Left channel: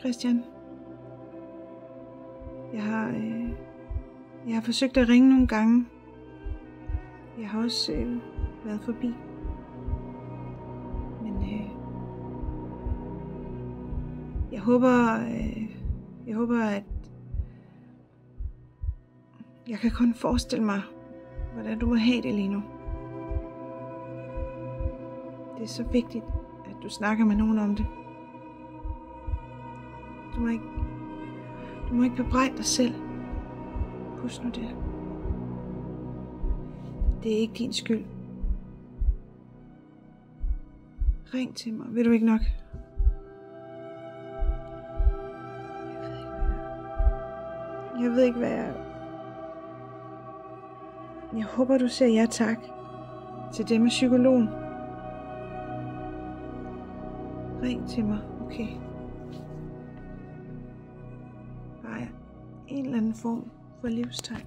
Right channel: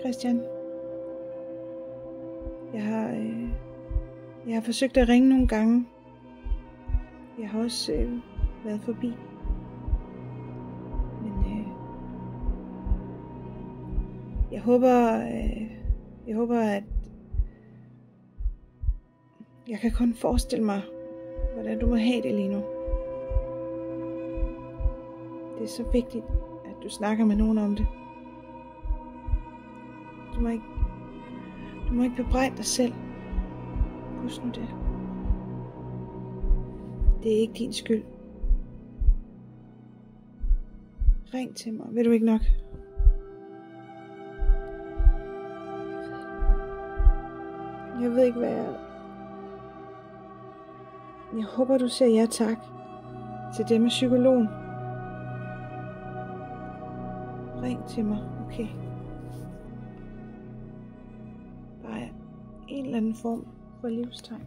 Christian. Jeg har forsøgt at ringe nogle gange. Jeg har også været forbi. Men jeg håber, at jeg kan kun forestille mig, hvordan du må have det lige nu. Det er så vigtigt, at du snakker med nogen om det. Du må ikke bebrejde dig selv. Husk nu det. Det er ikke din skyld. Ring til mig, vil du ikke nok? Jeg ved ikke, hvad jeg håber, du siger ja tak til det med psykologen. Ring til mig, okay? Bare en eller anden form for livstegn.